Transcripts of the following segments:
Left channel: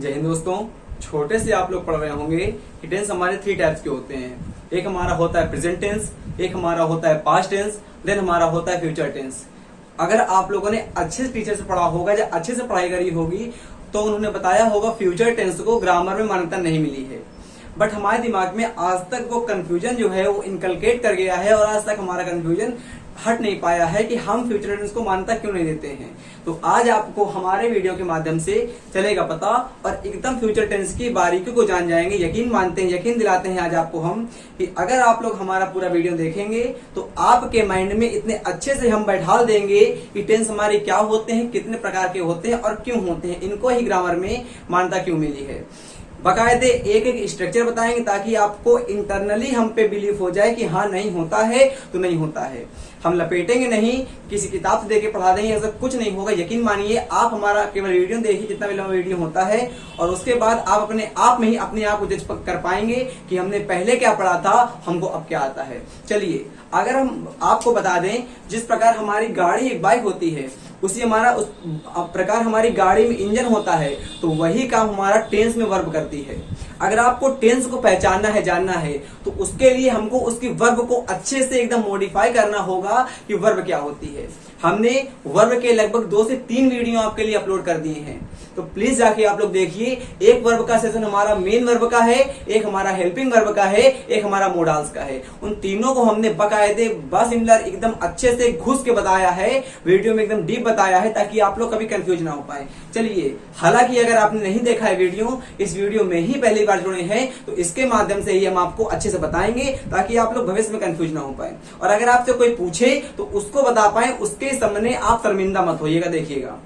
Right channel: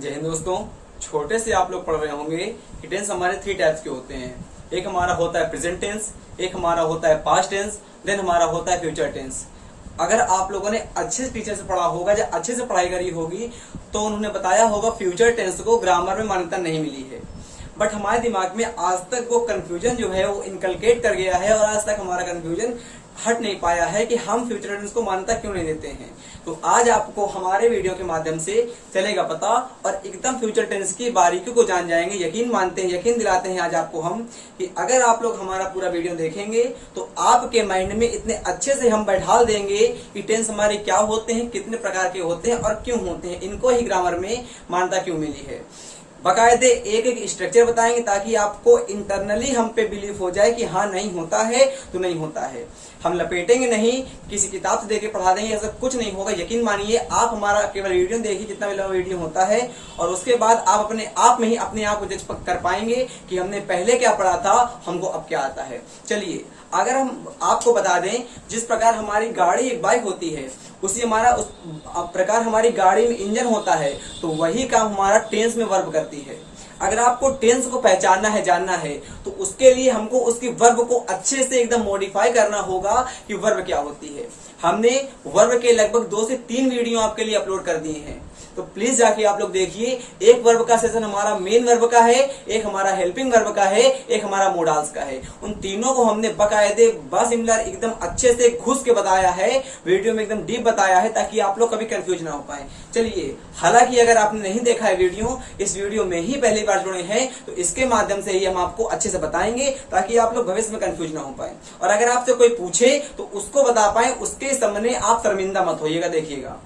जय हिंद दोस्तों। छोटे से आप लोग पढ़ रहे होंगे कि टेंस हमारे 3 टाइप्स के होते हैं। एक हमारा होता है प्रेजेंट टेंस, एक हमारा होता है पास्ट टेंस, देन हमारा होता है फ्यूचर टेंस। अगर आप लोगों ने अच्छे टीचर से पढ़ा होगा या अच्छे से पढ़ाई करी होगी तो उन्होंने बताया होगा फ्यूचर टेंस को ग्रामर में मान्यता नहीं मिली है। बट हमारे दिमाग में आज तक वो कंफ्यूजन जो है वो इनकलकेट कर गया है और आज तक हमारा कंफ्यूजन हट नहीं पाया है कि हम फ्यूचर टेंस को मान्यता क्यों नहीं देते हैं। तो आज आपको हमारे वीडियो के माध्यम से चलेगा पता और एकदम फ्यूचर टेंस की बारीकियों को जान जाएंगे। यकीन मानते हैं, यकीन दिलाते हैं आज आपको हम कि अगर आप लोग हमारा पूरा वीडियो देखेंगे तो आपके माइंड में इतने अच्छे से हम बैठा देंगे कि टेंस हमारे क्या होते हैं, कितने प्रकार के होते हैं और क्यों होते हैं, इनको ही ग्रामर में मान्यता क्यों मिली है। बकायदे एक एक स्ट्रक्चर बताएंगे ताकि आपको इंटरनली हम पे बिलीव हो जाए कि हाँ नहीं होता है तो नहीं होता है। हम लपेटेंगे नहीं, किसी किताब से देके पढ़ा देंगे, ऐसा कुछ नहीं होगा। यकीन मानिए, आप हमारा केवल वीडियो देखिए, जितना भी लंबा वीडियो होता है, और उसके बाद आप अपने आप में ही अपने आप को जज कर पाएंगे कि हमने पहले क्या पढ़ा था, हमको अब क्या आता है। चलिए, अगर हम आपको बता दें जिस प्रकार हमारी गाड़ी एक बाइक होती है उसी हमारा उस प्रकार हमारी गाड़ी में इंजन होता है, तो वही काम हमारा टेंस में वर्ब करती है। अगर आपको टेंस को पहचानना है, जानना है, तो उसके लिए हमको उसकी वर्ब को अच्छे से एकदम मॉडिफाई करना होगा कि वर्ब क्या होती है। हमने वर्ब के लगभग 2 से 3 वीडियो आपके लिए अपलोड कर दिए हैं, तो प्लीज जाके आप लोग देखिए। एक वर्ब का सेशन हमारा मेन वर्ब का है, एक हमारा हेल्पिंग वर्ब का है, एक हमारा मोडाल्स का है। उन तीनों को हमने बकायदे बसिमिलर एकदम अच्छे से घुस के बताया है, वीडियो में एकदम डीप बताया है, ताकि आप लोग कभी कंफ्यूज ना हो पाए। चलिए, हालांकि अगर आपने नहीं देखा है वीडियो, इस वीडियो में ही पहली बार जुड़े हैं, तो इसके माध्यम से ही हम आपको अच्छे से बताएंगे ताकि आप लोग भविष्य में कंफ्यूज ना हो पाए। और अगर आपसे कोई पूछे तो उसको बता पाए, उसके सामने आप शर्मिंदा मत होइएगा। देखिएगा,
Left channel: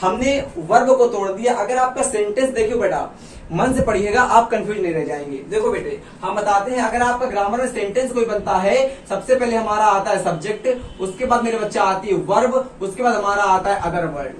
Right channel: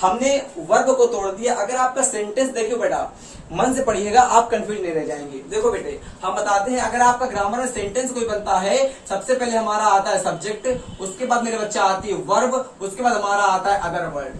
हमने वर्ब को तोड़ दिया। अगर आपका सेंटेंस देखियो बेटा, मन से पढ़िएगा, आप कंफ्यूज नहीं रह जाएंगे। देखो बेटे, हम बताते हैं, अगर आपका ग्रामर में सेंटेंस कोई बनता है, सबसे पहले हमारा आता है सब्जेक्ट, उसके बाद मेरे बच्चा आती है वर्ब, उसके बाद हमारा आता है अदर वर्ड,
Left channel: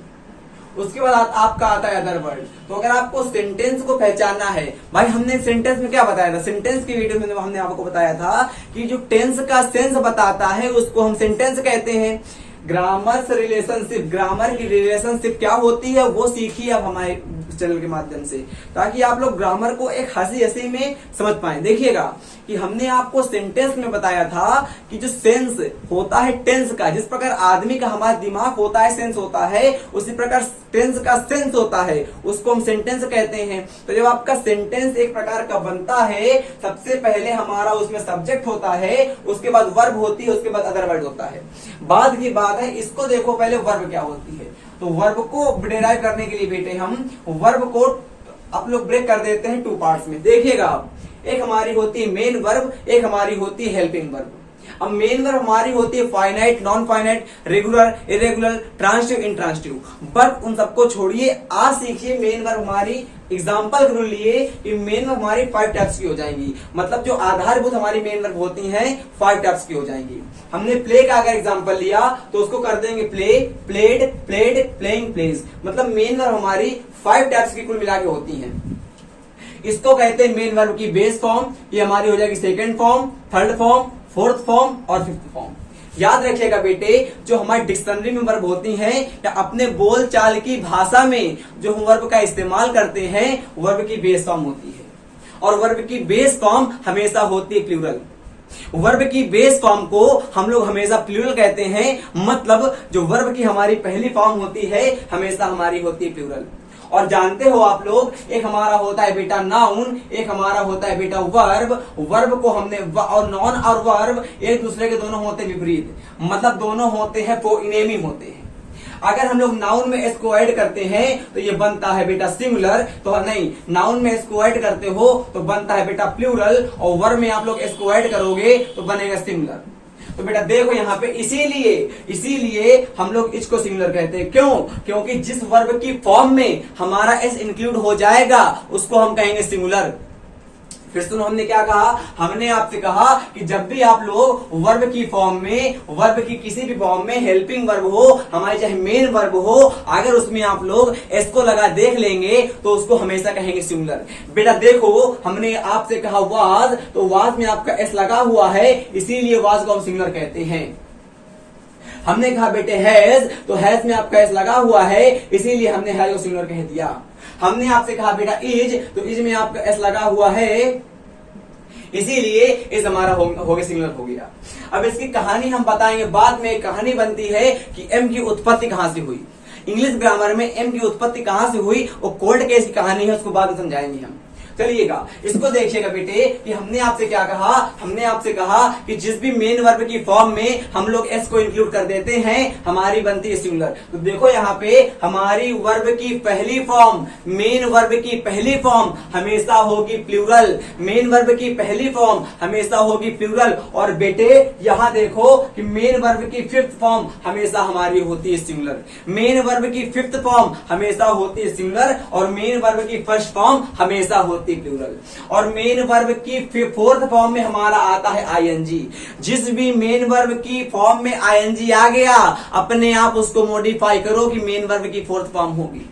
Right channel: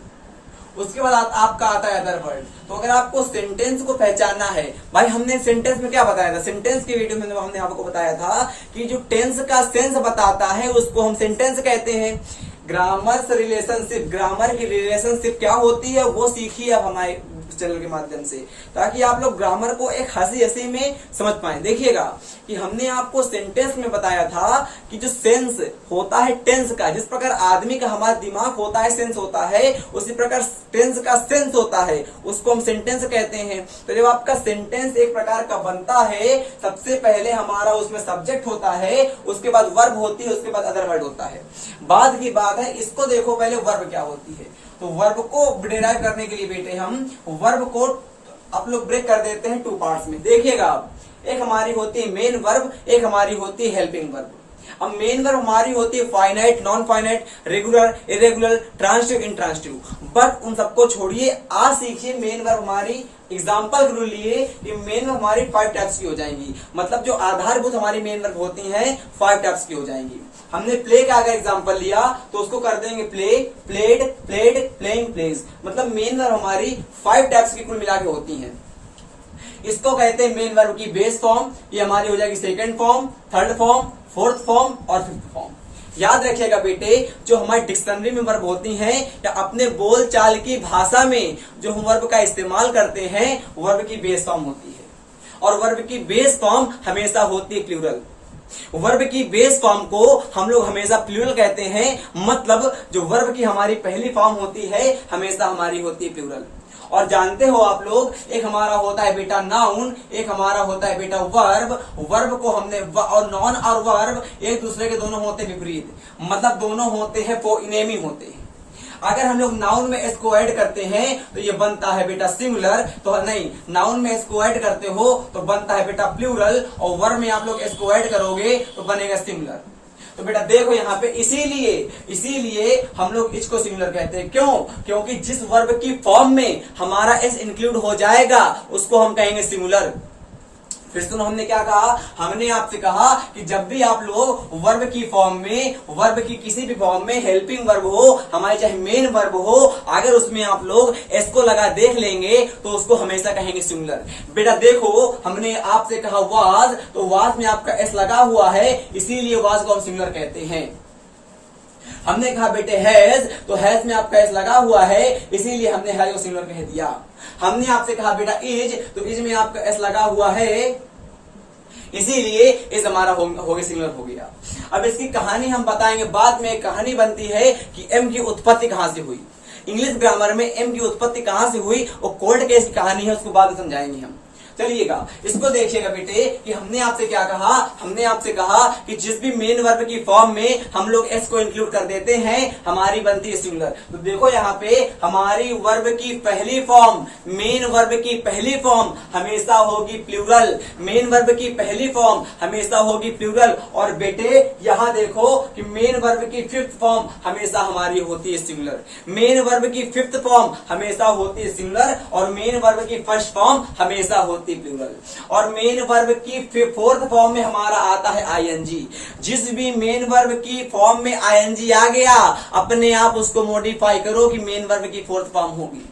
उसके बाद आपका आता है अदर वर्ड। तो अगर आपको सेंटेंस को पहचानना है, भाई हमने सेंटेंस में क्या बताया था, सेंटेंस की वीडियो में हमने आपको बताया था कि जो टेंस का सेंस बताता है उसको हम सेंटेंस कहते हैं। ग्रामर से रिलेशनशिप, ग्रामर की रिलेशनशिप क्या होती है वो सीखिए अब हमारे चैनल के माध्यम से, ताकि आप लोग ग्रामर को एक हंसी हंसी में समझ पाए। देखिएगा कि हमने आपको सेंटेंस में बताया था कि जो सेंस होता है टेंस का, जिस प्रकार आदमी का हमारा दिमाग होता है, सेंस होता है, उसी प्रकार टेंस का सेंस होता है, उसको हम सेंटेंस कहते हैं। तो जब आपका सेंटेंस एक प्रकार का बनता है, सबसे पहले हमारा उसमें सब्जेक्ट होता है, उसके बाद वर्ब होती है, उसके बाद अदर वर्ड होता है। बाद की बात है, इसको देखो पहले वर्ब क्या होती है। तो वर्ब को डिराइव करने के लिए बेटे हम वर्ब को आप लोग ब्रेक कर देते हैं 2 पार्ट्स में। देखिएगा, एक हमारी होती है मेन वर्ब, एक हमारी होती है हेल्पिंग वर्ब। अब मेन वर्ब हमारी होती है finite, non finite, regular, irregular, transitive, intransitive. But उन सबको छोड़िए, आज सीखिए मेन वर्ब हमारी। एग्जाम्पल के लिए कि मेन वर्ब हमारी 5 टाइप्स की हो जाएंगी, मतलब जो आधारभूत हमारी मेन वर्ब होती हैं 5 टाइप्स की हो जाएंगी। हमने प्ले का अगर एग्जाम्पल लिया तो उसको कर देंगे play, played, played, playing, plays. मतलब मेन वर्ब हमारी 5 टाइप्स की कुल मिला के होती हैं। इसको कहते हैं मेन वर्ब की बेस फॉर्म। ये हमारी हो जाएगी second form, third form, fourth form और फिफ्थ फॉर्म। याद रखिएगा बेटे, जो हमारी डिक्शनरी में वर्ब होती हैं या अपने बोल चाल की भाषा में जो हम वर्ब का इस्तेमाल करते हैं, वर्ब की बेस फॉर्म होती है। और वर्ब की बेस फॉर्म हमेशा होती है प्लूरल। वर्ब की बेस फॉर्म को हम लोग हमेशा प्लूरल कहते हैं, मतलब जो वर्ब की हमारी पहली फॉर्म होती है हमेशा हमारी होती है प्लूरल। और जानते हो आप लोग, एक हमारा होता है बेटा नाउन, एक हमारा होता है बेटा वर्ब। वर्ब को हमने और नॉन और वर्ब एक दूसरे के दोनों होते विपरीत, मतलब दोनों होते हैं फोइनेमी होते हैं। अगर हम लोग नाउन में एस को ऐड करते हैं तो ये बनता है बेटा सिंगुलर, तो नहीं, नाउन में एस को ऐड करते हो तो बनता है बेटा प्लूरल, और वर्ब में आप लोग एस को ऐड करोगे तो बनेगा सिंगुलर। तो बेटा देखो यहाँ पे इसीलिए हम लोग इसको सिंगुलर कहते हैं। क्यों? क्योंकि जिस वर्ब की फॉर्म में हमारा एस इंक्लूड हो जाएगा उसको हम कहेंगे सिंगुलर। फिर सुनो, हमने क्या कहा, हमने आपसे कहा कि जब भी आप लोग वर्ब की फॉर्म में, वर्ब की किसी भी फॉर्म में हेल्पिंग वर्ब हो, हमारे चाहे मेन वर्ब हो, अगर उसमें आप लोग एस को लगा देख लेंगे तो उसको हमेशा कहेंगे सिंगुलर। बेटा देखो, हमने आपसे कहा वाज, तो वाज में आपका एस लगा हुआ है, इसीलिए वाज को हम सिंगुलर कहते हैं। हमने कहा बेटे हैज, तो हैज में आपका एस लगा हुआ है, इसीलिए हमने हैज को सिंगुलर कह दिया। हमने आपसे कहा बेटा इज, तो इज में आपका एस लगा हुआ है, इसीलिए इज हमारा हो गया सिंगुलर हो गया। अब इसकी कहानी हम बताएंगे बाद में। कहानी बनती है कि एम की उत्पत्ति कहां से हुई। इंग्लिश ग्रामर में एम की उत्पत्ति कहां से हुई और कोल्ड केस की कहानी है, उसको बाद में समझाएंगे हम। चलिएगा, इसको देखिएगा बेटे कि हमने आपसे क्या कहा। हमने आपसे कहा कि जिस भी मेन वर्ब की फॉर्म में हम लोग एस को इंक्लूड कर देते हैं, हमारी बनती है सिंगुलर। तो देखो यहाँ पे हमारी वर्ब की पहली फॉर्म, मेन वर्ब की पहली फॉर्म हमेशा होगी प्लूरल। मेन वर्ब की पहली फॉर्म हमेशा होगी प्लूरल। और बेटे यहाँ देखो कि मेन वर्ब की फिफ्थ फॉर्म हमेशा हमारी होती है सिंगुलर। मेन वर्ब की फिफ्थ फॉर्म हमेशा होती है सिंगुलर और मेन वर्ब की फर्स्ट फॉर्म हमेशा होती प्लूरल। और मेन वर्ब की फोर्थ फॉर्म में हमारा आता है आईएनजी। जिस भी मेन वर्ब की फॉर्म में आईएनजी आ गया, अपने आप उसको मॉडिफाई करो कि मेन वर्ब की फोर्थ फॉर्म होगी।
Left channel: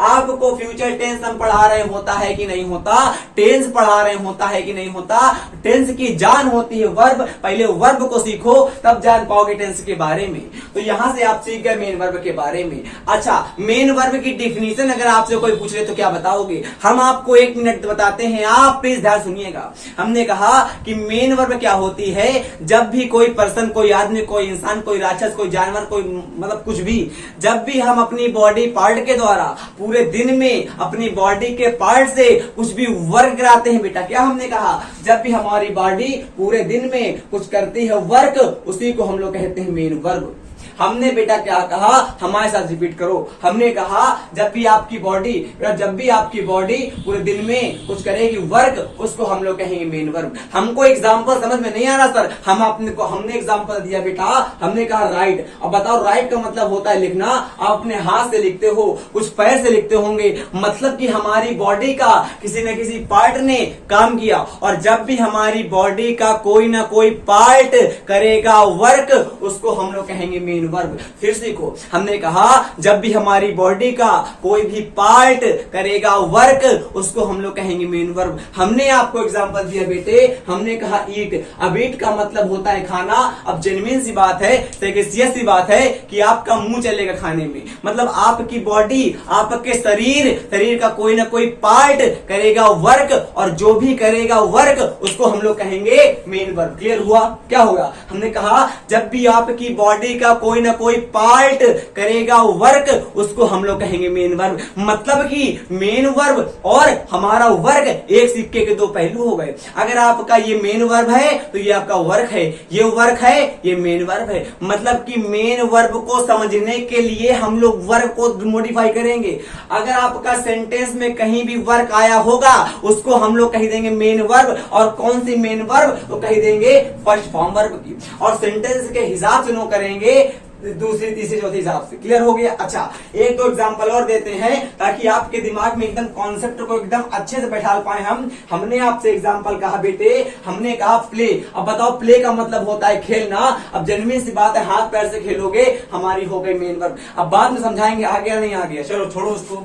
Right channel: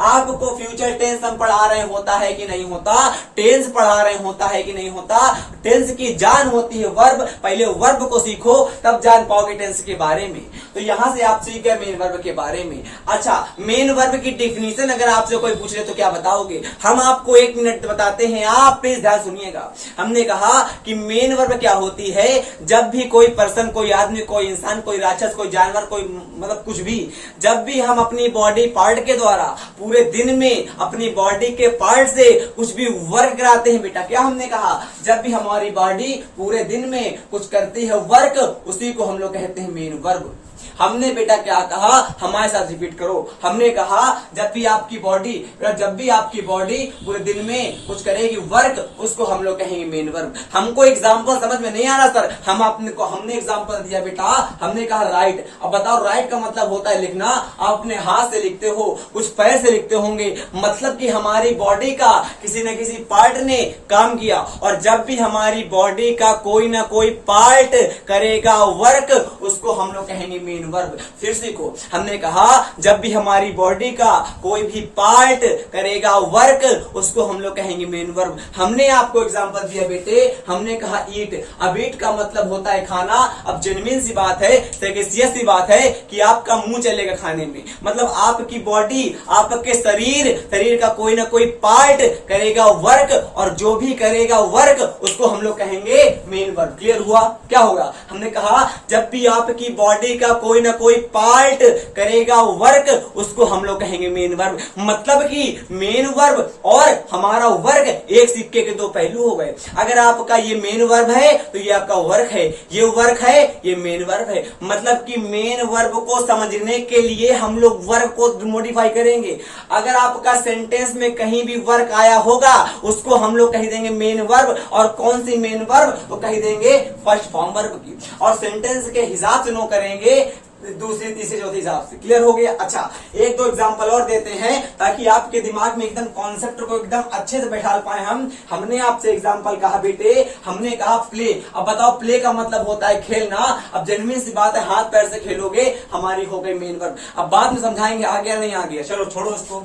आपको फ्यूचर टेंस हम पढ़ा रहे होता है कि नहीं होता, टेंस पढ़ा रहे होता है कि नहीं होता। टेंस की जान होती है वर्ब, पहले वर्ब को सीखो तब जान पाओगे टेंस के बारे में। तो यहां से आप सीख गए मेन वर्ब के बारे में। अच्छा, मेन वर्ब की डिफिनीशन अगर आपसे कोई पूछ ले तो क्या बताओगे? हम आपको 1 मिनट बताते हैं, आप प्लीज ध्यान सुनिएगा। हमने कहा कि मेन वर्ब क्या होती है, जब भी कोई पर्सन, कोई आदमी, कोई इंसान, कोई राक्षस, कोई जानवर, कोई मतलब कुछ भी, जब भी हम अपनी बॉडी पार्ट के द्वारा पूरे दिन में अपनी बॉडी के पार्ट से कुछ भी वर्क कराते हैं बेटा, क्या हमने कहा? जब भी हमारी बॉडी पूरे दिन में कुछ करती है वर्क, उसी को हम लोग कहते हैं मेन वर्ब। हमने बेटा क्या कहा, हमारे साथ रिपीट करो। हमने कहा जब भी आपकी बॉडी पूरे दिन में कुछ करेगी वर्क, उसको हम लोग कहेंगे मेन वर्ब। हमको एग्जांपल समझ में नहीं आ रहा सर, हमने एग्जांपल दिया बेटा। हमने कहा राइट। अब बताओ राइट का मतलब होता है लिखना। आप अपने हाथ से लिखते हो, कुछ पैर से लिखते होंगे, मतलब कि हमारी बॉडी का किसी न किसी पार्ट ने काम किया। और जब भी हमारी बॉडी का कोई ना कोई पार्ट करेगा वर्क, उसको हम लोग कहेंगे मेन वर्ब। फिर सीखो, हमने कहा जब भी हमारी बॉडी का कोई भी पार्ट करेगा वर्क, उसको हम लोग कहेंगे मेन वर्ब। हमने आपको एग्जांपल दिया बेटे, हमने कहा ईट। अब ईट का मतलब होता है खाना। अब जेन्युइन सी बात है, सीरियस सी बात है कि आपका मुंह चलेगा खाने में, मतलब आपकी बॉडी, आपके शरीर का कोई ना कोई पार्ट करेगा वर्क, और जो भी करेगा वर्क उसको हम लोग कहेंगे मेन वर्ब। क्लियर हुआ? क्या होगा? हमने कहा जब भी आपकी बॉडी का कोई ना कोई पार्ट करेगा वर्क, उसको हम लोग कहेंगे मेन वर्ब। मतलब कि मेन वर्ब और हमारा वर्क एक सिक्के के दो पहलू हो गए। अगर आपका ये मेन वर्ब है तो ये आपका वर्क है, ये वर्क है, ये मेन वर्ब है। मतलब कि मेन वर्ब को समझने के लिए हम लोग वर्ब को मॉडिफाई करेंगे। अगर आपका सेंटेंस में कहीं भी वर्क आया होगा, उसको हम लोग कह देंगे मेन वर्ब। और कौन सी मेन वर्ब? तो कह देंगे फर्स्ट फॉर्म वर्ब की। और सेंटेंस के हिसाब से नो करेंगे, दूसरी, तीसरी, चौथी हिसाब से। क्लियर हो गया? अच्छा, एक दो एग्जांपल और देते हैं ताकि आपके दिमाग में एकदम कॉन्सेप्ट को एकदम अच्छे से बैठा पाए हम। हमने आपसे एग्जांपल कहा बेटे, हमने कहा प्ले। अब बताओ प्ले का मतलब होता है खेलना। अब जेन्युइन सी बात है, हाथ पैर से खेलोगे, हमारी हो गई मेन वर्ब। अब बाद में समझाएंगे आ गया नहीं आ गया, चलो छोड़ो उसको।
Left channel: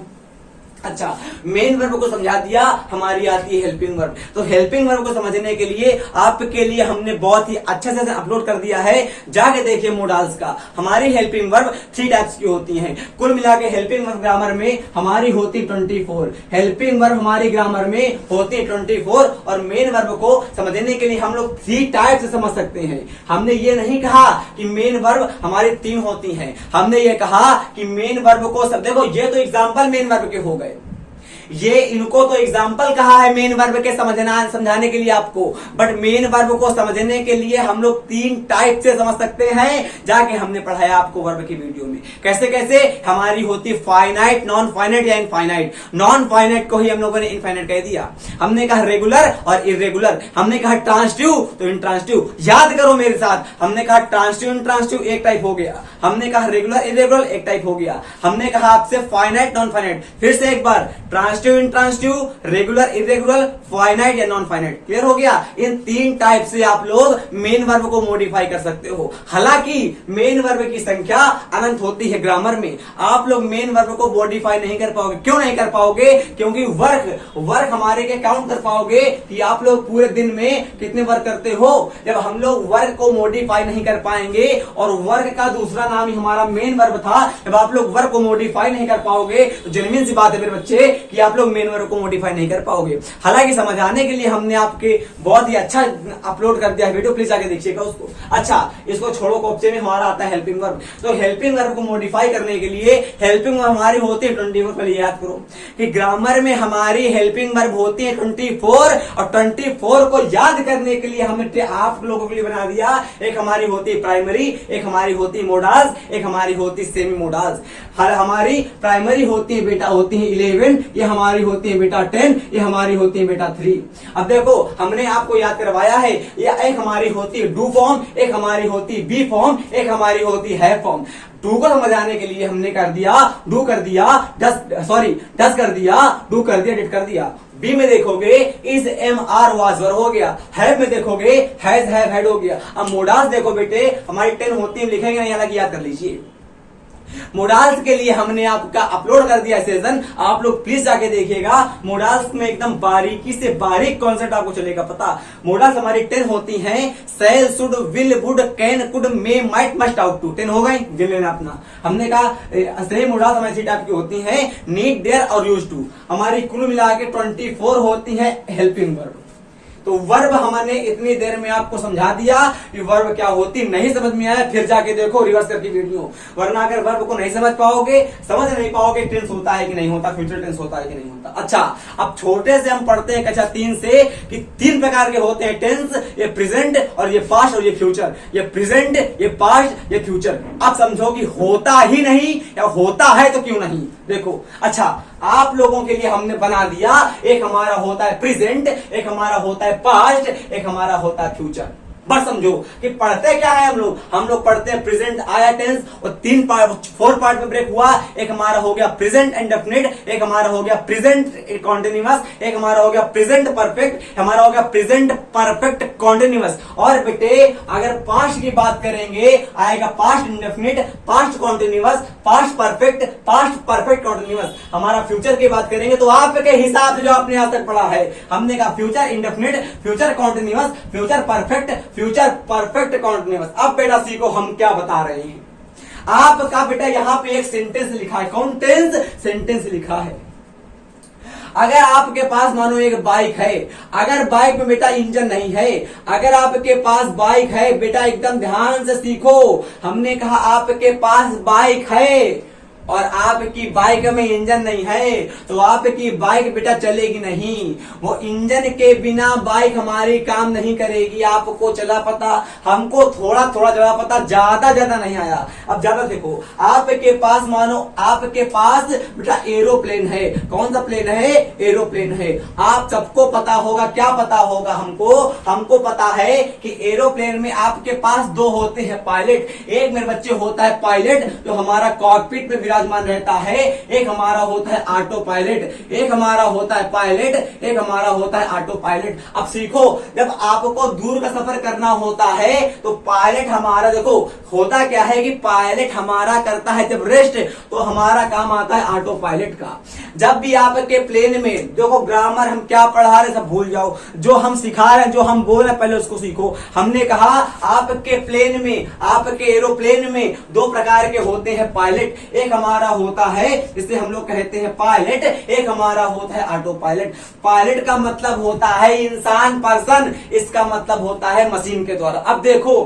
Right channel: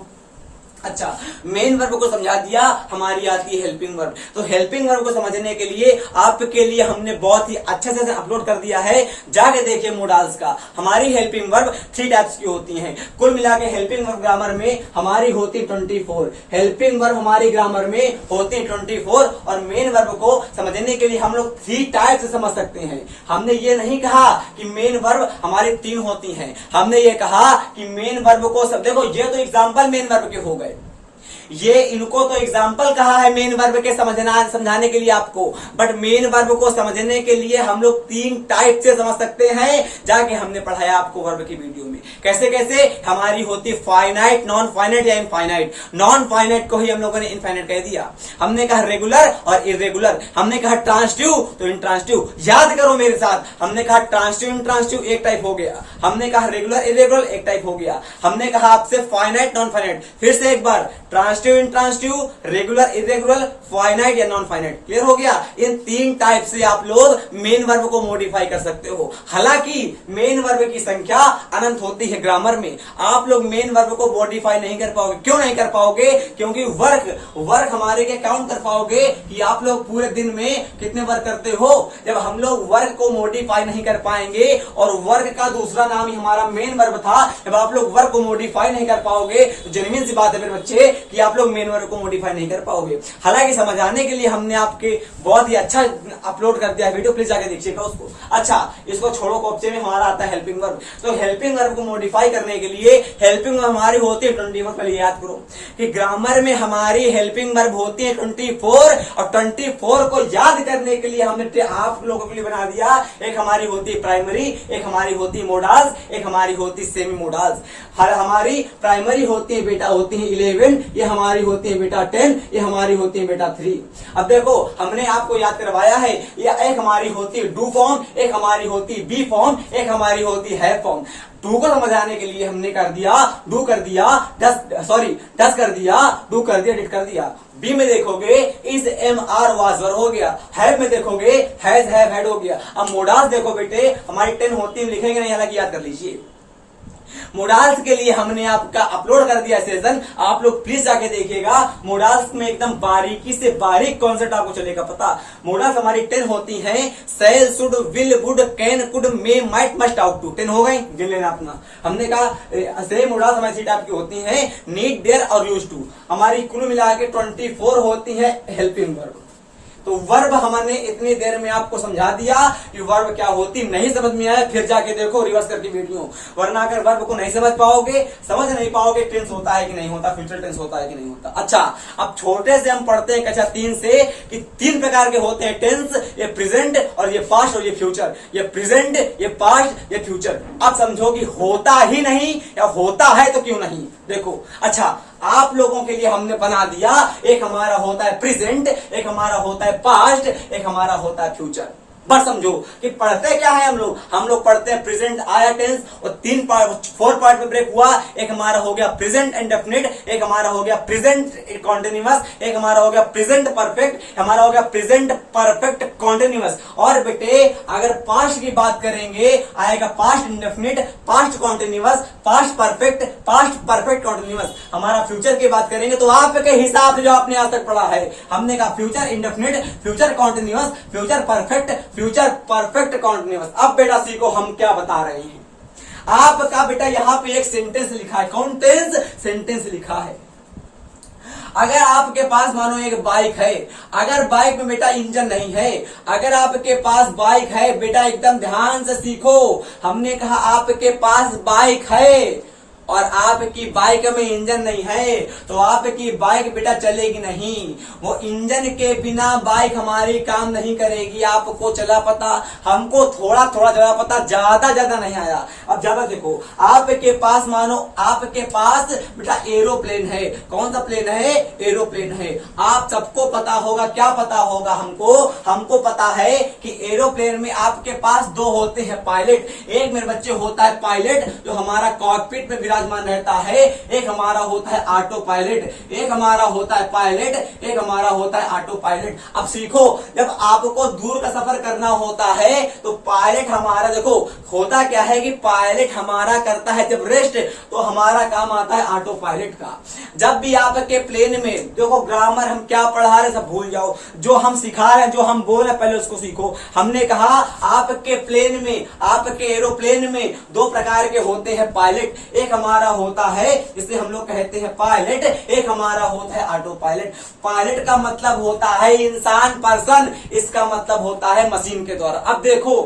अच्छा, मेन वर्ब को समझा दिया, हमारी आती है हेल्पिंग वर्ब। तो हेल्पिंग वर्ब को समझने के लिए आपके लिए हमने बहुत ही अच्छे से अपलोड कर दिया है, जाके देखिए मोडाल्स का। हमारी हेल्पिंग वर्ब 3 टाइप्स की होती हैं। कुल मिला के हेल्पिंग वर्ब ग्रामर में हमारी होती 24। हेल्पिंग वर्ब हमारी ग्रामर में होती 24। और मेन वर्ब को समझने के लिए हम लोग 3 टाइप से समझ सकते हैं। हमने ये नहीं कहा कि मेन वर्ब हमारी 3 होती हैं, हमने ये कहा कि मेन वर्ब को सब देखो, ये तो एग्जाम्पल मेन वर्ब के हो गए, ये इनको तो एग्जाम्पल कहा है मेन वर्ब के समझाने के लिए आपको। बट मेन वर्ब को समझने के लिए हम लोग 3 टाइप से समझ सकते हैं, जाके हमने पढ़ाया आपको वर्ब की वीडियो में। कैसे कैसे? हमारी होती फाइनाइट, नॉन फाइनाइट या इनफाइनाइट। नॉन फाइनाइट को ही हम लोगों ने इनफाइनाइट कह दिया। हमने कहा रेगुलर और इरेगुलर। हमने कहा ट्रांसटिव तो इंट्रांसटिव। याद करो मेरे साथ, हमने कहा ट्रांसटिव इंट्रांसटिव एक टाइप हो गया, हमने कहा रेगुलर इरेगुलर एक टाइप हो गया, हमने कहा आपसे फाइनाइट नॉन फाइनाइट। फिर से एक बार, transitive transitive intransitive, regular irregular, finite या नॉन फाइनाइट। क्लियर हो गया? इन 3 टाइप से आप लोग मेन वर्ब को मॉडिफाई कर सकते हो। हालांकि मेन वर्ब की संख्या अनंत होती है ग्रामर में, आप लोग मेन वर्ब को मॉडिफाई नहीं कर पाओगे। क्यों नहीं कर पाओगे? क्योंकि वर्क हमारे क्या काउंट कर पाओगे कि आप लोग पूरे दिन में कितने वर्क करते हो। जब हम लोग वर्क को मॉडिफाई नहीं कर पाएंगे, और वर्क का दूसरा नाम ही हमारा मेन वर्ब था, जब आप लोग वर्क को मॉडिफाई नहीं कर पाओगे तो जेन्युइन सी बात है मेरे बच्चे कि आप लोग मेन वर्ब को मॉडिफाई नहीं कर पाओगे। हालांकि समझाने के लिए हमने आपके बहुत ही अच्छा अपलोड कर दिया वीडियो, प्लीज जाके देखिएगा उसको। अच्छा, इसको छोड़ो, कॉप्चे में हमारा आता है हेल्पिंग वर्ब। तो हेल्पिंग वर्ब को मॉडिफाई करने के लिए हेल्पिंग वर्ब हमारी होती है 24। पहले याद करो कि ग्रामर में हमारी हेल्पिंग वर्ब होती है 24, और 24 को याद करने के लिए हमने आप लोगों के लिए बना दिया, एक हमारी होती है प्राइमरी, एक हमारी होती है मोडाज, एक हमारी होती है सेमी मोडाज। हमारी प्राइमरी होती है बेटा होती है 11, ये हमारी होती है बेटा 10, ये हमारी होती है बेटा 3। अब देखो हमने आपको याद करवाया है, ये एक हमारी होती है डू फॉर्म, एक हमारी होती है बी फॉर्म, एक हमारी होती है फॉर्म। डू को समझाने के लिए हमने कर दिया डू कर दिया डस कर दिया, डू कर दिया, डिड कर दिया। बी में देखोगे is am are was were हो गया, हैव में देखोगे हैज हैव हैड हो गया। अब मोडाल्स देखो बेटे हमारी 10 होती है, लिखेंगे नहीं, हालांकि याद कर लीजिए। मोडाल्स के लिए हमने आपका अपलोड कर दिया सेशन, आप लोग प्लीज जाके देखिएगा। मोडाल्स में एकदम बारीकी से बारीक कॉन्सेप्ट आपको चलेगा पता। मोडाल्स हमारी 10 होती हैं, shall, should, will, would, can, could, may, might, must, ought to. 10 हो गई, गिन लेना अपना। हमने कहा सेम मोडाल्स हमारी 3 टाइप की होती हैं, नीड, डेयर और यूज टू। हमारी कुल मिला के 24 होती है हेल्पिंग वर्ब। तो वर्ब हमने इतनी देर में आपको समझा दिया कि वर्ब क्या होती। नहीं समझ में आया फिर जाके देखो रिवर्स करके वीडियो, वरना अगर वर्ब को नहीं समझ पाओगे, समझ नहीं पाओगे टेंस होता है कि नहीं होता, फ्यूचर टेंस होता है कि नहीं होता। अच्छा, अब छोटे से हम पढ़ते हैं कक्षा 3 से कि 3 प्रकार के होते हैं टेंस, ये प्रेजेंट और ये पास्ट और ये फ्यूचर। ये प्रेजेंट, ये पास्ट, ये फ्यूचर। अब समझो कि होता ही नहीं या होता है तो क्यों नहीं। देखो अच्छा, आप लोगों के लिए हमने बना दिया, एक हमारा होता है प्रेजेंट, एक हमारा होता है पास्ट, एक हमारा होता है फ्यूचर। बस समझो कि पढ़ते क्या है हम लोग पढ़ते हैं प्रेजेंट आया टेंस, और 4 पार्ट में ब्रेक हुआ। एक हमारा हो गया प्रेजेंट इंडेफिनिट, एक हमारा हो गया प्रेजेंट कॉन्टिन्यूअस, एक हमारा हो गया प्रेजेंट परफेक्ट, हमारा हो गया प्रेजेंट परफेक्ट कॉन्टिन्यूअस। और बेटे अगर पास्ट की बात करेंगे आएगा past indefinite, past continuous, past perfect continuous. हमारा फ्यूचर की बात करेंगे तो आपके हिसाब से जो आपने आज तक पढ़ा है, हमने कहा future indefinite, future continuous, future perfect, future perfect continuous. अब बेटा सीखो हम क्या बता रहे हैं। आपका बेटा यहां पे एक सेंटेंस लिखा है, कौन टेंस सेंटेंस लिखा है। अगर आपके पास मानो एक बाइक है, अगर बाइक में बेटा इंजन नहीं है, अगर आपके पास बाइक है बेटा एकदम ध्यान से सीखो, हमने कहा आपके पास बाइक है और आपकी बाइक में इंजन नहीं है तो आपकी बाइक बेटा चलेगी नहीं। वो इंजन के बिना बाइक हमारी काम नहीं करेगी। आपको चला पता, हमको थोड़ा थोड़ा चला पता, ज्यादा नहीं आया। अब ज्यादा देखो, आपके पास मानो आपके पास बेटा एरोप्लेन है। कौन सा प्लेन है? एरोप्लेन है। आप सबको पता होगा, क्या पता होगा हमको पता है कि एरोप्लेन में आपके पास 2 होते हैं पायलट। एक मेरे बच्चे होता है पायलट जो हमारा कॉकपिट में विराजमान रहता है, एक हमारा होता है ऑटो पायलट, एक हमारा होता है पायलट, एक हमारा होता है ऑटो पायलट। अब सीखो, जब आपको दूर का सफर करना होता है तो पायलट हमारा देखो होता क्या है कि पायलट हमारा करता है जब रेस्ट, तो हमारा काम आता है ऑटो पायलट का। जब भी आपके प्लेन में देखो, ग्रामर हम क्या पढ़ा रहे सब भूल जाओ, जो हम सिखा रहे हैं, जो हम बोल रहे हैं पहले उसको सीखो। हमने कहा आपके प्लेन में, आपके एरोप्लेन में 2 प्रकार के होते हैं पायलट। एक हमारा होता है जिसे हम लोग कहते हैं पायलट, एक हमारा होता है ऑटो पायलट। पायलट का मतलब होता है इंसान, पर्सन, इसका मतलब होता है मशीन के द्वारा। अब देखो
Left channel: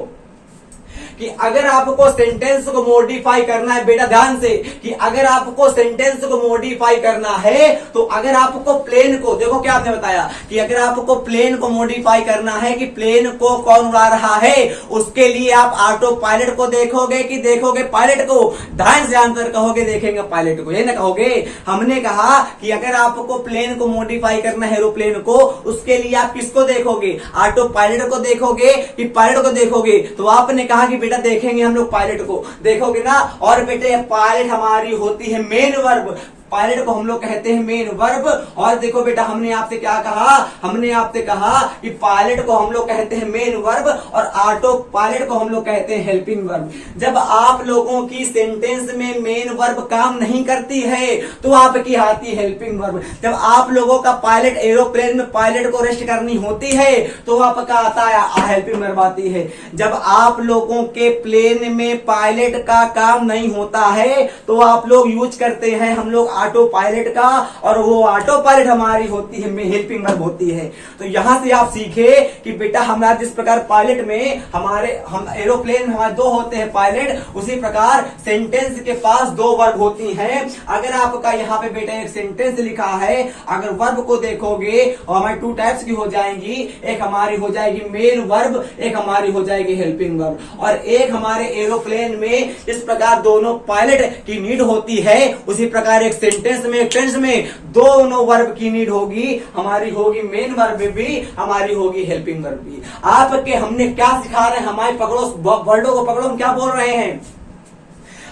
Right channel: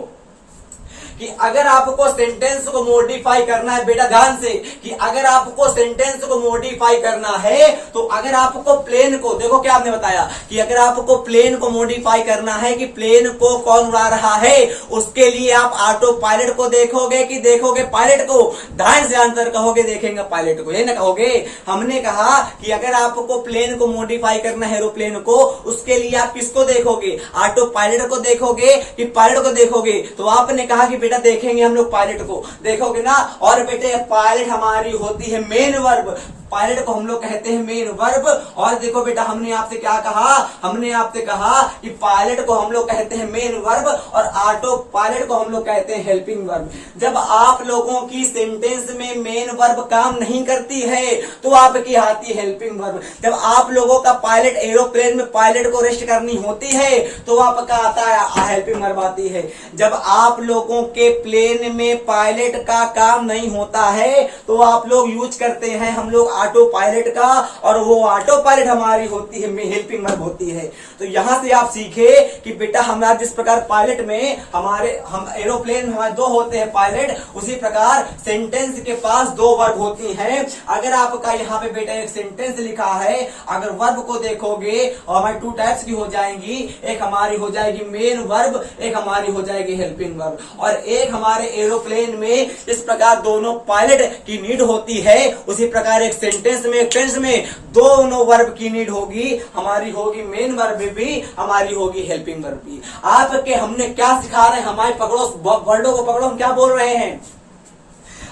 कि अगर आपको सेंटेंस को मॉडिफाई करना है बेटा ध्यान से, कि अगर आपको सेंटेंस को मॉडिफाई करना है तो अगर आपको प्लेन को, देखो क्या आपने बताया कि अगर आपको प्लेन को मॉडिफाई करना है कि प्लेन को कौन उड़ा रहा है, उसके लिए आप ऑटो पायलट को देखोगे कि देखोगे पायलट को? ध्यान से आंसर कहोगे देखेंगे पायलट को, ये ना कहोगे। हमने कहा कि अगर आपको प्लेन को मॉडिफाई करना है एरोप्लेन को, उसके लिए आप किसको देखोगे? ऑटो पायलट को देखोगे कि पायलट को देखोगे? तो आपने कहा कि बेटा देखेंगे हम लोग पायलट को, देखोगे ना। और बेटे पायलट हमारी होती है मेन वर्ब, पायलट को हम लोग कहते हैं मेन वर्ब। और देखो बेटा हमने आपसे क्या कहा, हमने आपसे कहा कि पायलट को हम लोग कहते हैं मेन वर्ब और ऑटो पायलट को हम लोग कहते हैं हेल्पिंग वर्ब। जब आप लोगों की सेंटेंस में मेन वर्ब काम नहीं करती है तो आपकी आती है हेल्पिंग वर्ब। जब आप लोगों का पायलट एरोप्लेन में पायलट को रेस्ट करनी होती है तो आपका आता है हेल्पिंग वर्ब आती है। जब आप लोगों के प्लेन में पायलट का काम नहीं होता है तो आप लोग यूज करते हैं हम लोग ऑटो पायलट का, और वो ऑटो पायलट हमारी होती है हेल्पिंग वर्ब होती है। तो यहां से आप सीखे कि बेटा हमारा जिस प्रकार पायलट में हम एरोप्लेन में हमारे दो होते हैं पायलट, उसी प्रकार सेंटेंस के पास दो वर्ब होती हैं। अगर आपका यहाँ पे बेटा एक सेंटेंस लिखा है, अगर वर्ब को देखोगे और हमारी टू टाइप्स की हो जाएंगी, एक हमारी हो जाएगी मेन वर्ब, एक हमारी हो जाएगी हेल्पिंग वर्ब। और एक हमारे एरोप्लेन में इस प्रकार दोनों पायलट की नीड होती है, उसी प्रकार एक सेंटेंस में एक टेंस में दोनों वर्ब की नीड होगी, हमारी होगी मेन वर्ब भी, हमारी होगी हेल्पिंग वर्ब भी। आपके हमने क्या सिखा रहे हैं, हमारे पकड़ो वर्डों को पकड़ो, हम क्या बोल रहे हैं।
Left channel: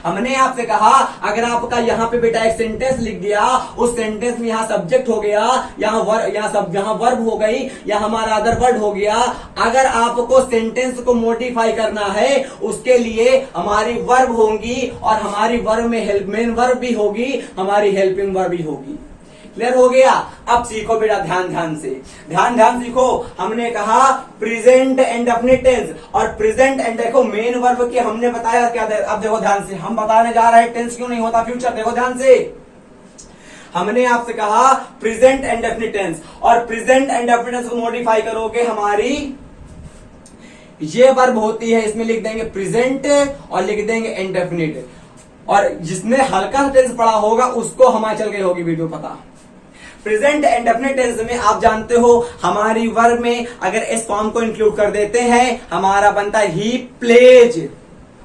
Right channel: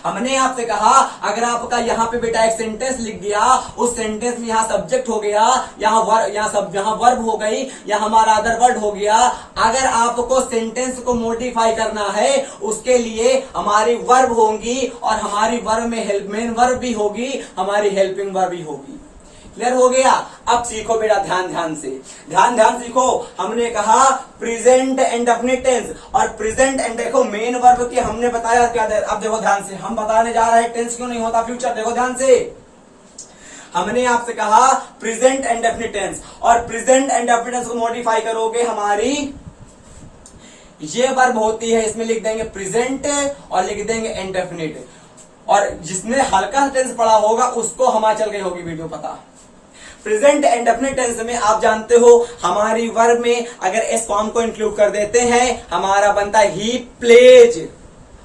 हमने आपसे कहा अगर आपका यहाँ पे बेटा एक सेंटेंस लिख दिया, उस सेंटेंस में यहाँ सब्जेक्ट हो गया, यहाँ वर्ब हो गई, यहाँ हमारा अदर वर्ड हो गया। अगर आपको सेंटेंस को मॉडिफाई करना है उसके लिए हमारी वर्ब होंगी और हमारी वर्ब में मेन वर्ब भी होगी, हमारी हेल्पिंग वर्ब भी होगी। क्लियर हो गया। अब सीखो बेटा ध्यान ध्यान सीखो। हमने कहा प्रेजेंट एंड डेफिनिट टेंस, और प्रेजेंट एंड देखो मेन वर्ब की हमने बताया क्या। अब देखो ध्यान से, हम बताने जा रहे हैं टेंस क्यों नहीं होता फ्यूचर। देखो ध्यान से, हमने आपसे कहा प्रेजेंट एंड डेफिनिट टेंस, और प्रेजेंट एंड डेफिनिट टेंस को मॉडिफाई करोगे हमारी ये वर्ब होती है, इसमें लिख देंगे प्रेजेंट और लिख देंगे इंडेफिनिट। और जिसने हल्का टेंस पढ़ा होगा उसको हमारे चल गई होगी वीडियो पता। प्रेजेंट एंड डेफिनिट टेंस में आप जानते हो हमारी वर्ब में अगर एस फॉर्म को इंक्लूड कर देते हैं, हमारा बनता है ही प्लेज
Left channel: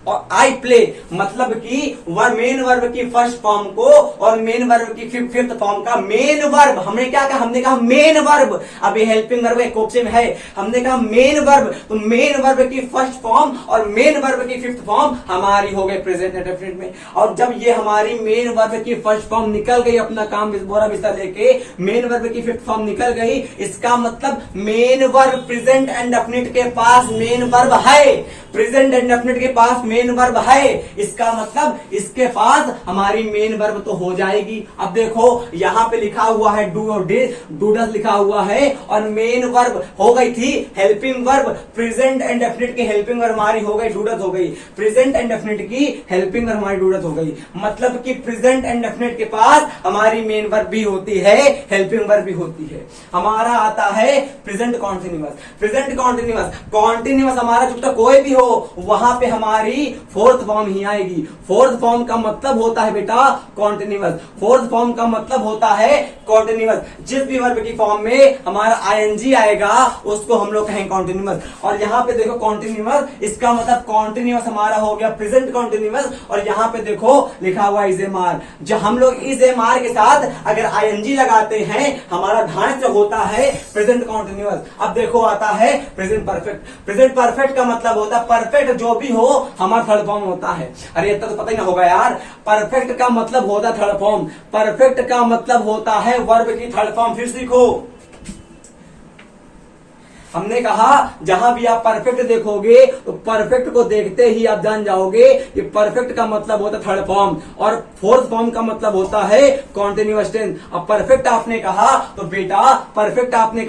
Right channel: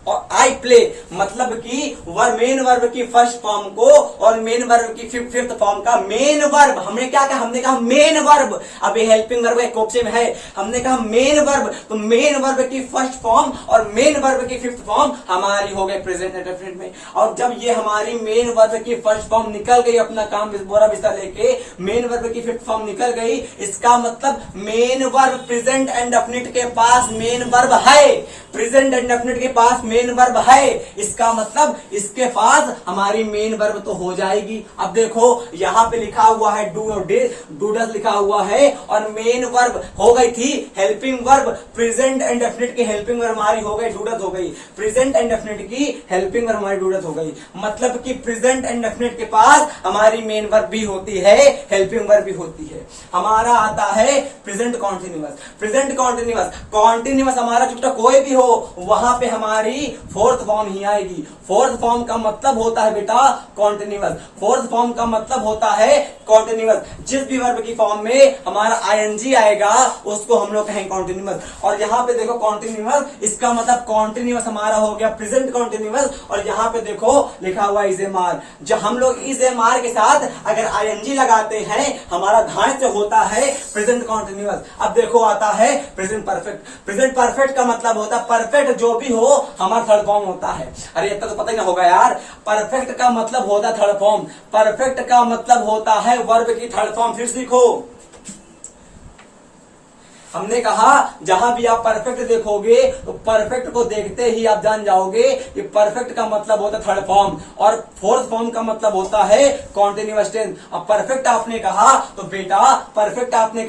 और आई प्ले। मतलब कि मेन वर्ब की फर्स्ट फॉर्म को और मेन वर्ब की फिफ्थ फॉर्म का मेन वर्ब, हमने क्या कहा, हमने कहा मेन वर्ब। अब ये हेल्पिंग वर्ब एक ऑप्शन में है, हमने कहा मेन वर्ब, तो मेन वर्ब की फर्स्ट फॉर्म और मेन वर्ब की फिफ्थ फॉर्म हमारी हो गई प्रेजेंट एंड डेफिनिट में। और जब ये हमारी मेन वर्ब की फर्स्ट फॉर्म निकल गई, अपना काम बोरा बिस्तर लेके मेन वर्ब की फिफ्थ फॉर्म निकल गई, इसका मतलब main verb present and definite के पास मेन वर्ब है, प्रेजेंट एंड डेफिनिट के पास मेन वर्ब है, इसका मतलब इसके पास हमारी मेन वर्ब तो हो जाएगी। अब देखो यहाँ पे लिखा हुआ है डू और डूडस लिखा हुआ है, और मेन वर्ब हो गई थी helping verb, present and definite की हेल्पिंग वर्ब हमारी हो गई डूडस हो गई, प्रेजेंट एंड डेफिनिट की हेल्पिंग वर्ब हमारी डूडस हो गई। मतलब कि प्रेजेंट एंड डेफिनिट के पास हमारी मेन वर्ब भी होती है, हेल्पिंग वर्ब भी होती है। हमारा आता है प्रेजेंट कॉन्टिन्यूअस। प्रेजेंट कॉन्टिन्यूअस हमारा चुपटा कोई भी हो वहां पे हमारी फोर्थ फॉर्म ही आएगी। फोर्थ फॉर्म का मतलब होता है बेटा कॉन्टिन्यूअस, फोर्थ फॉर्म का मतलब होता है कॉन्टिन्यूअस। जिस भी वर्ब की फॉर्म में हमारा आईएनजी आएगा उसको हम लोग कहेंगे कॉन्टिन्यूअस। और यहाँ पे देखो कॉन्टिन्यूअस, इसका मतलब कॉन्टिन्यूअस हमारा हो गया प्रेजेंट कॉन्टिन्यूअस। और यहाँ पे देखो लिखा हुआ इज एम आर, जो हम लोग इज एम आर के साथ अगर आईएनजी लगाते हैं हमारा ढांच से होता है प्रेजेंट कॉन्टिन्यूअस। अब देखो आता है प्रेजेंट परफेक्ट। प्रेजेंट परफेक्ट का मतलब होता है परफेक्ट जो भी हो हमारा थर्ड फॉर्म होता है। अरे इतना तो पता ही ना होगा यार, परफेक्ट का मतलब होता है थर्ड फॉर्म, परफेक्ट का मतलब होता है वर्ब की थर्ड फॉर्म। फिर सीखो, हमने कहा जहां भी आप परफेक्ट देखोगे तो परफेक्ट को देखते ही आप जान जाओगे कि परफेक्ट का मतलब होता है थर्ड फॉर्म और फोर्थ फॉर्म का मतलब होता है कॉन्टिन्यूअस टेंस। अब परफेक्ट आपने कहा तो बेटा परफेक्ट आपने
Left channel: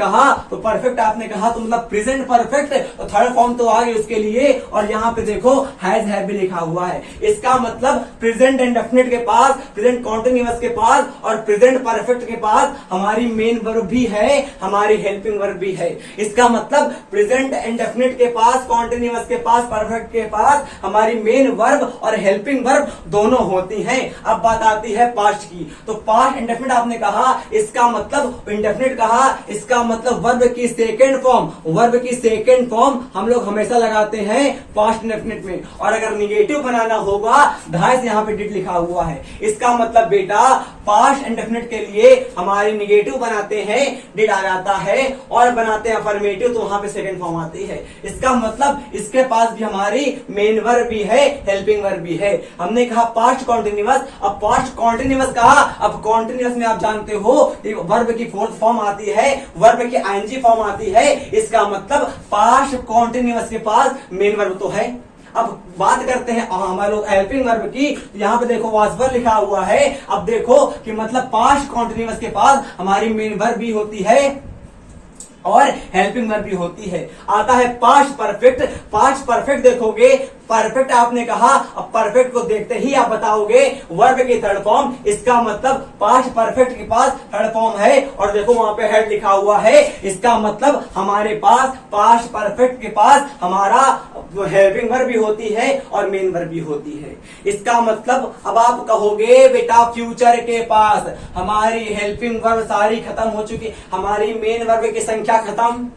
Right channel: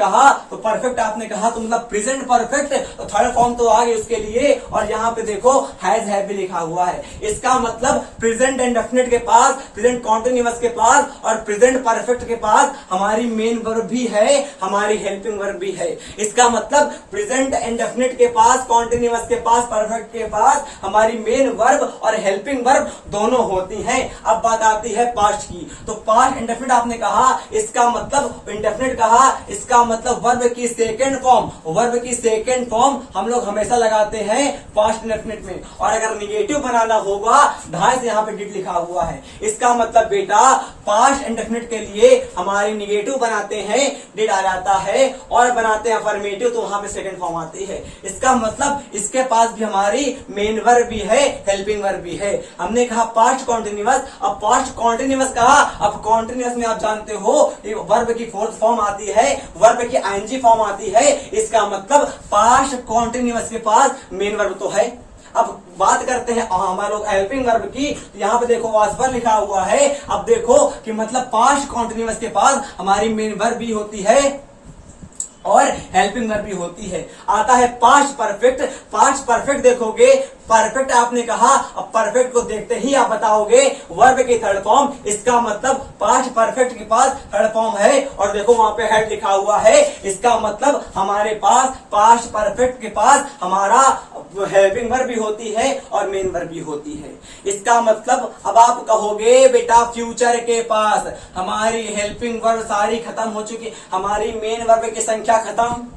कहा तो मतलब प्रेजेंट परफेक्ट, तो थर्ड फॉर्म तो आ गई उसके लिए। और यहाँ पे देखो हैज हैव भी लिखा हुआ है, इसका मतलब प्रेजेंट एंड डेफिनिट के पास, प्रेजेंट कॉन्टिन्यूअस के पास और प्रेजेंट परफेक्ट के पास हमारी मेन वर्ब भी है, हमारी हेल्पिंग वर्ब भी है। इसका मतलब प्रेजेंट एंड डेफिनिट के पास, कॉन्टिन्यूअस के पास, परफेक्ट के पास हमारी मेन वर्ब और हेल्पिंग वर्ब दोनों होती हैं। अब बात आती है पास्ट की, तो पास्ट इंडेफिनिट आपने कहा, इसका मतलब इंडेफिनिट कहा, इसका मतलब वर्ब की सेकेंड फॉर्म, वर्ब की सेकेंड फॉर्म हम लोग हमेशा लगाते हैं पास्ट इंडेफिनिट में। और अगर निगेटिव बनाना होगा ढाई से यहाँ पे डिड लिखा हुआ है, इसका मतलब बेटा पास्ट इंडेफिनिट के लिए हमारी निगेटिव बनाते हैं डिड आ जाता है, और बनाते हैं अफर्मेटिव इंफिनिटिव तो वहां पे सेकंड फॉर्म आती है। इसका मतलब इसके पास भी हमारी मेन वर्ब भी है, हेल्पिंग वर्ब भी है। हमने कहा पास्ट कॉन्टिन्यूअस, अब पास्ट कॉन्टिन्यूअस कहा, अब कॉन्टिन्यूअस में आप जानते हो वर्ब की फोर्थ फॉर्म आती है, वर्ब की आईएनजी फॉर्म आती है। इसका मतलब पास्ट कॉन्टिन्यूअस के पास मेन वर्ब तो है। अब बात करते हैं हमारे लोग हेल्पिंग वर्ब की। यहाँ पे देखो वाज वर्ब लिखा हुआ है। अब देखो कि मतलब पास्ट कॉन्टिन्यूअस के पास हमारी मेन वर्ब भी होती है और हेल्पिंग वर्ब भी होती है। आता है पास्ट परफेक्ट। पास्ट परफेक्ट देखोगे, परफेक्ट आपने कहा, अब परफेक्ट को देखते ही आप बताओगे वर्ब की थर्ड फॉर्म। इसका मतलब पास्ट परफेक्ट के पास थर्ड फॉर्म है और देखो वहां पे हेड लिखा हुआ है। इसका मतलब हमारे पास पास्ट परफेक्ट के पास हमारा हेल्पिंग वर्ब भी होती है और मेन वर्ब भी होती है। इसका मतलब अब आप कहोगे बेटा फ्यूचर के पास हमारी हेल्पिंग वर्ब सारी खत्म हो चुकी, हमारी मेन वर्ब की संख्या खत्म,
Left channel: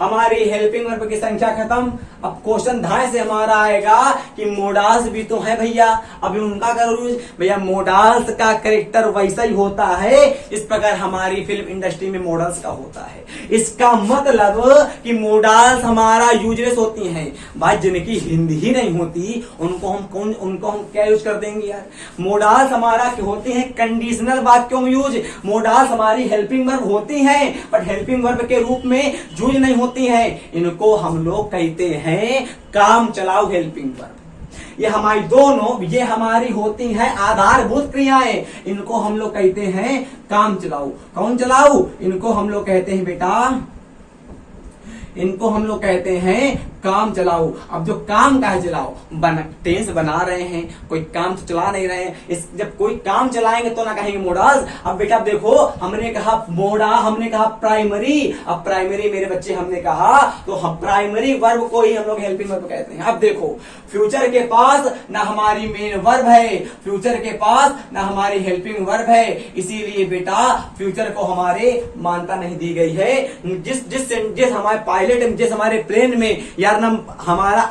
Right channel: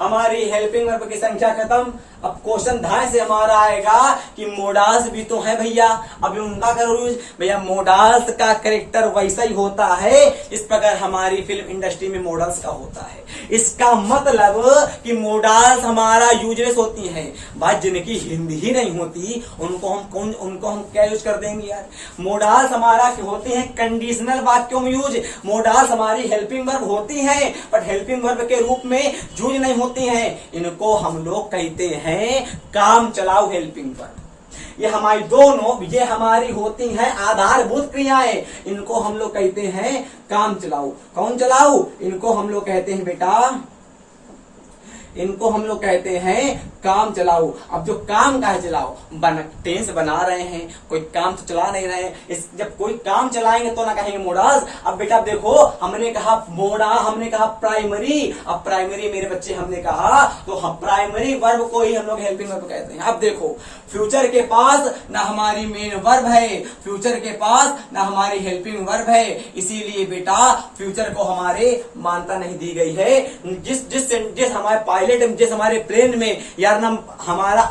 हमारी हेल्पिंग वर्ब की संख्या खत्म। अब क्वेश्चन धाय से हमारा आएगा कि मोडाल्स भी तो है भैया, अभी उनका करो यूज। भैया मोडाल्स का कैरेक्टर वैसा ही होता है इस प्रकार हमारी फिल्म इंडस्ट्री में मॉडल्स का होता है। इसका मतलब कि मोडाल्स हमारा यूजलेस होती हैं भाई, जिनकी हिंदी ही नहीं होती उनको हम क्या यूज कर देंगे यार। मोडाल्स हमारा होती हैं कंडीशनल वाक्यों में यूज। मोडाल्स हमारी हेल्पिंग वर्ब होती हैं बट हेल्पिंग वर्ब के रूप में यूज नहीं होती हैं। इनको हम लोग कहते हैं काम चलाओ हेल्पिंग वर्ब। ये हमारी दोनों, ये हमारी होती हैं आधारभूत क्रियाएं। इनको हम लोग कहते हैं काम चलाओ। कौन चलाओ? इनको हम लोग कहते हैं बेटा, इनको हम लोग कहते हैं काम चलाओ। अब जो काम का है चलाओ, टेंस बना रहे हैं, कोई काम तो चला नहीं रहे हैं। जब कोई काम चलाएंगे तो ना कहेंगे मोडाल्स। अब बेटा देखो हमने कहा मोडा, हमने कहा प्राइमरी। अब प्राइमरी मेरे बच्चे हमने कहा तो हम प्राइमरी वर्ब को ही हम लोग हेल्पिंग वर्ब कहते हैं। अब देखो फ्यूचर के पास ना हमारी मेन वर्ब है, फ्यूचर के पास ना हमारी हेल्पिंग वर्ब है, इसीलिए बेटा फ्यूचर को हमारे मान्यता नहीं दी गई है। जिस हमारे पायलट, जिस हमारे प्लेन में यार ना हमारा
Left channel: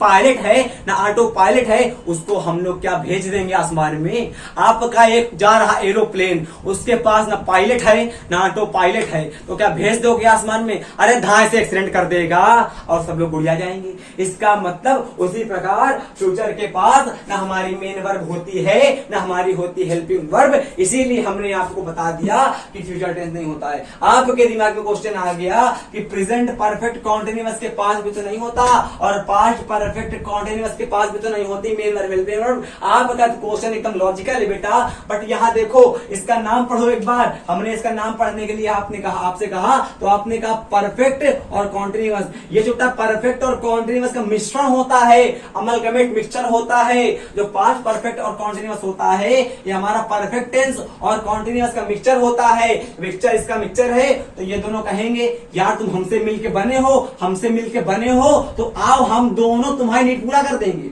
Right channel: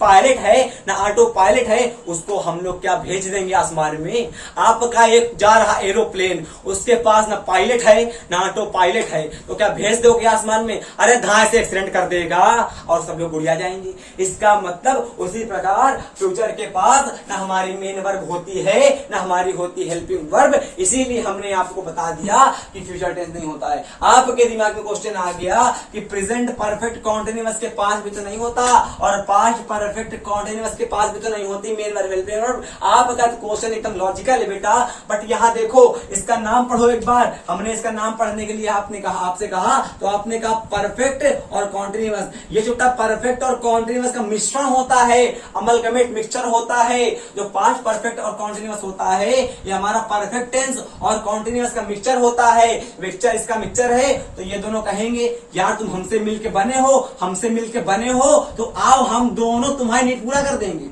पायलट है ना ऑटो पायलट है, उसको हम लोग क्या भेज देंगे आसमान में। आपका एक जा रहा एरोप्लेन, उसके पास ना पायलट है ना ऑटो पायलट है, तो क्या भेज दोगे आसमान में? अरे धाए से एक्सीडेंट कर देगा और सब लोग उड़ जाएंगे। इसका मतलब उसी प्रकार फ्यूचर के पास ना हमारी मेन वर्ब होती है ना हमारी होती हेल्पिंग वर्ब। इसीलिए हमने आपको बता दिया कि फ्यूचर टेंस नहीं होता है। आपके दिमाग में क्वेश्चन आ गया कि प्रेजेंट परफेक्ट कॉन्टिन्यूअस के पास भी तो नहीं होता और पास्ट परफेक्ट कॉन्टिन्यूअस के पास भी तो नहीं होती मेन वर्ब हेल्पिंग वर्ब। आपका क्वेश्चन एकदम लॉजिकल है बेटा, बट यहाँ देखो इसका नाम पढ़ो एक बार। हमने इसका नाम पढ़ने के लिए आपसे कहा तो आपने कहा परफेक्ट और कॉन्टिन्यूअस। ये जो परफेक्ट और कॉन्टिन्यूअस का मिश्रण होता है, अमलगमेट मिक्सचर होता है। जो पास्ट परफेक्ट और कॉन्टिन्यूअस होता है ये हमारा परफेक्ट टेंस और कॉन्टिन्यूअस का मिक्सचर होता है। मिक्सचर इसका मिक्सचर है तो ये दोनों कहेंगे यार तुम हमसे मिलके बने हो, हमसे मिलके बने हो तो आओ हम दोनों तुम्हारी नीड पूरा कर देंगे।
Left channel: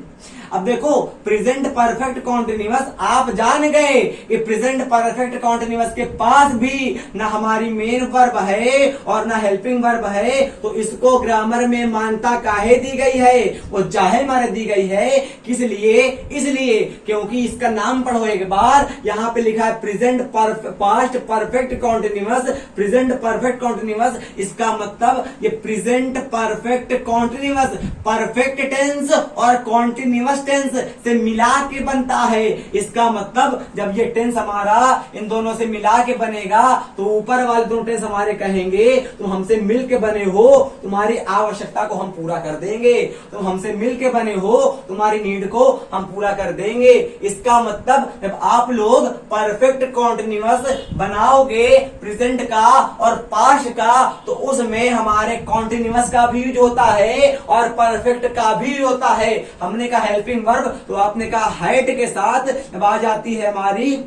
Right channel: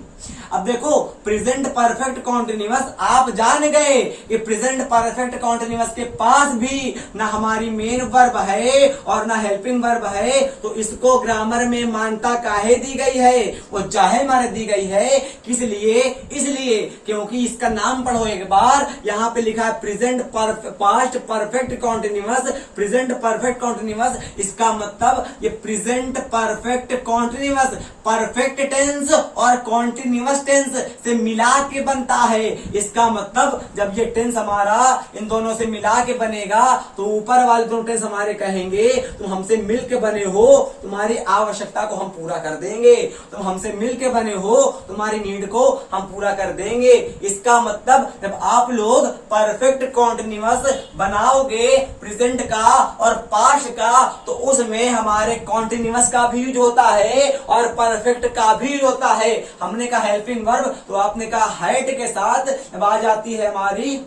अब देखो प्रेजेंट परफेक्ट कॉन्टिन्यूअस आप जान गए कि प्रेजेंट परफेक्ट कॉन्टिन्यूअस के पास भी ना हमारी मेन वर्ब है और ना हेल्पिंग वर्ब है, तो इसको ग्रामर में मान्यता काहे दी गई है? वो चाहे मारे दी गई है। किस लिए? इसलिए क्योंकि इसका नाम पढ़ो एक बार। यहाँ पे लिखा है present past perfect continuous, present perfect continuous. इसका मतलब ये present perfect continuous perfect tense और कॉन्टिन्यूअस टेंस से मिला के बनता है। इसका मतलब जब ये टेंस हमारा इन दोनों से मिला के बनेगा तो ऊपर वाले दोनों टेंस हमारे कहेंगे तुम हमसे मिल के बने हो, तुम्हारी आवश्यकता को हम पूरा कर देंगे। तुम हमसे मिल के बने हो, तुम्हारी नीड को हम पूरा कर देंगे। इसका मतलब जब आप लोग परफेक्ट कॉन्टिन्यूअस बनाओगे प्रेजेंट का और पास्ट का तो उसमें हमारे कॉन्टिन्यूअस का भी यूज होता है और परफेक्ट का भी यूज होता है। हमने कहा हेल्पिंग वर्ब तो आपने कहा हैड के साथ जब आ जाती है हमारी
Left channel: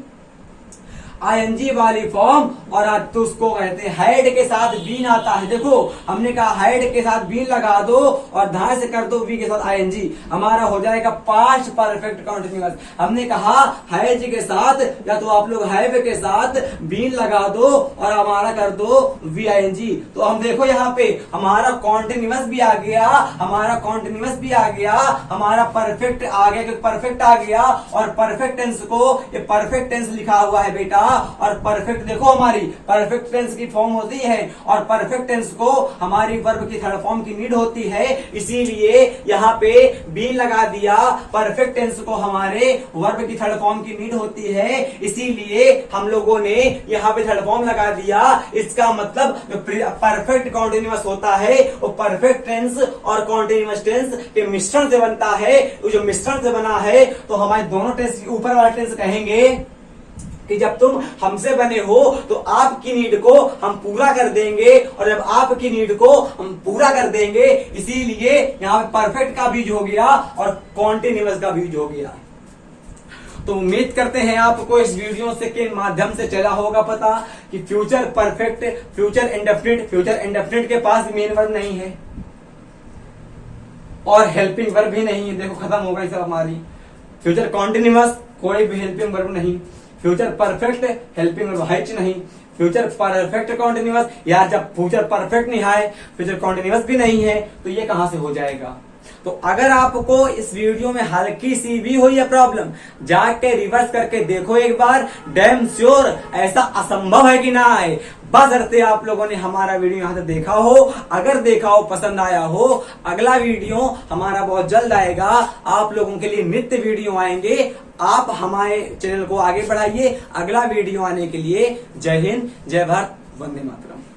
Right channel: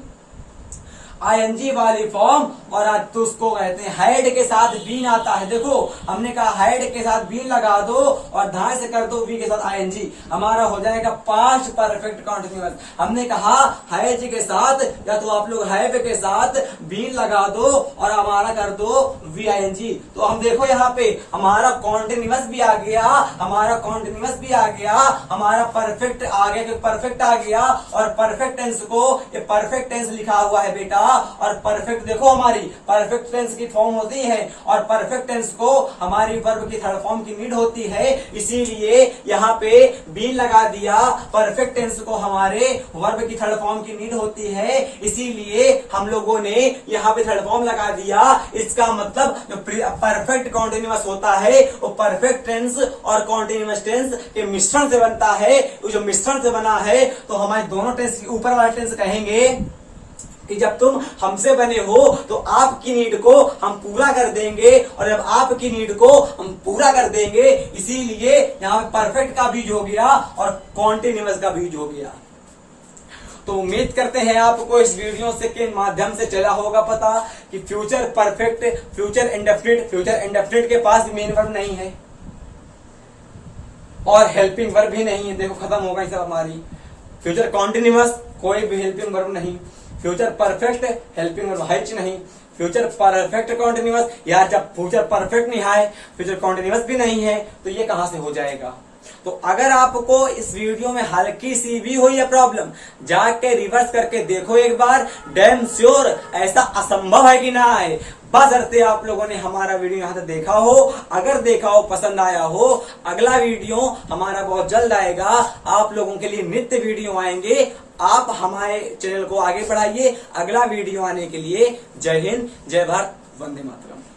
आईएनजी वाली फॉर्म और आज तो उसको कहते हैं हैड के साथ बीन आता है। देखो हमने कहा हैड के साथ बीन लगा दो और धार से कर दो वी के साथ आईएनजी, हमारा हो जाएगा पास्ट परफेक्ट कॉन्टिन्यूअस। हमने कहा हैज के साथ या तो आप लोग हैव के साथ बीन लगा दो और हमारा कर दो वी आईएनजी। तो हम देखो यहाँ पे हमारा कॉन्टिन्यूअस भी आ गया, हमारा कॉन्टिन्यूअस भी आ गया, हमारा परफेक्ट आ गया, परफेक्ट आ गया और परफेक्ट टेंस को ये परफेक्ट टेंस लिखा हुआ है बेटा और परफेक्ट देखो हमारी परफेक्ट टेंस की फॉर्म होती है और परफेक्ट टेंस को हमारी वर्ब की थर्ड फॉर्म की नीड होती है, इसीलिए यहाँ पे बीन लगा दिया। परफेक्ट टेंस को हमारे वर्ब की थर्ड फॉर्म की नीड होती है, इसीलिए हम लोगों ने यहाँ पे थर्ड फॉर्म लगा दिया। इसका मतलब जो परफेक्ट कॉन्टिन्यूअस होता है वो परफेक्ट टेंस और कॉन्टिन्यूअस टेंस के मिश्रण से बनता है। जो मिश्रण से बना है तो हमारे दोनों टेंस के ऊपर वाला टेंस कहेंगे कि जब तुम हमसे बने हो तो आपकी नीड को हम पूरा कर देंगे, और जब आपकी नीड को हम पूरा कर देंगे, इसीलिए यहाँ पे परफेक्ट का बीज हो गया और कॉन्टिन्यूअस का बीज हो गया। तो उम्मीद करते हैं आपको इस वीडियो से के माध्यम से चला होगा पता कि फ्यूचर परफेक्ट, फ्यूचर इंडेफिनिट के पास मेन वर्ब नहीं है और हेल्पिंग वर्ब भी नहीं है। देखो खत्म होगा ये सब हमारी। फ्यूचर कॉन्टिन्यूअस कोई भी हेल्पिंग वर्ब नहीं, फ्यूचर परफेक्ट हेल्पिंग वर्ब है नहीं, फ्यूचर परफेक्ट कॉन्टिन्यूअस यार जब फ्यूचर परफेक्ट नहीं है फ्यूचर कॉन्टिन्यूअस भी नहीं है तो ये कहां से हो जाएगा। तो अगर आपको इस वीडियो में हल्की सी भी हुई है प्रॉब्लम, जाके रिवर्स करके देखो एक बार, डैम श्योर ऐसा असंभव है कि ना आए। बशर्ते आप लोगों ने हमारा वीडियो यहाँ तक देखा हो, अगर देखा हो पसंद आया हो, अगला वीडियो हमारा बहुत जल्द आएगा। आप लोगों के लिए नित्य वीडियो आएंगे, आप हमारे चैनल को आगे बढ़ाइए। अगला वीडियो आने के लिए जय हिंद, जय भारत, वंदे मातरम।